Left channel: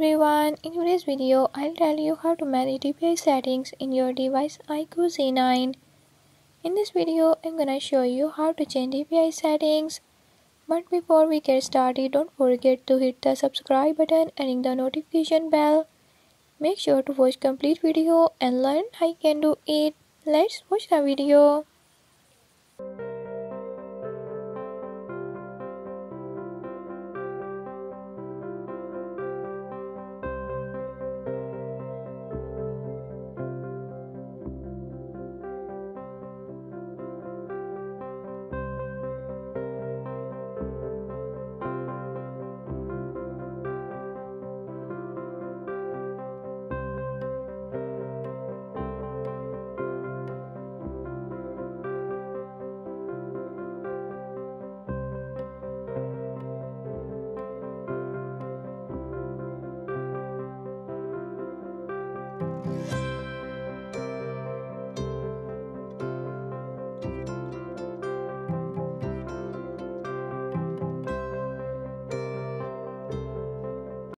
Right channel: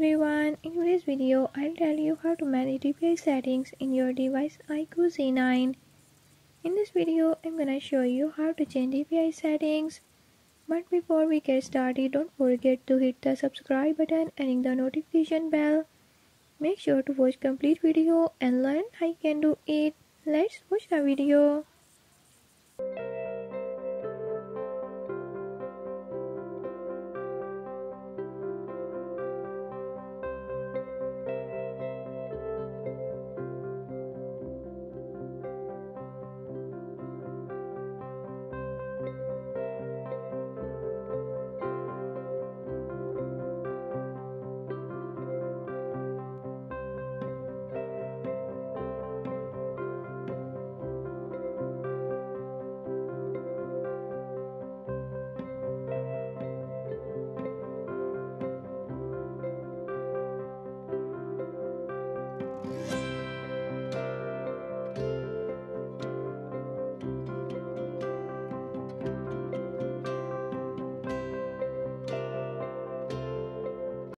everyone, in today's video I'll tell you how to manage DPI settings in your device iQOO Z9. In this video I'm gonna show you how to change DPI settings. But before we get started, don't forget to hit the subscribe button and ring the notification bell. Make sure to watch complete video and learn how you can do it. Let's watch the video.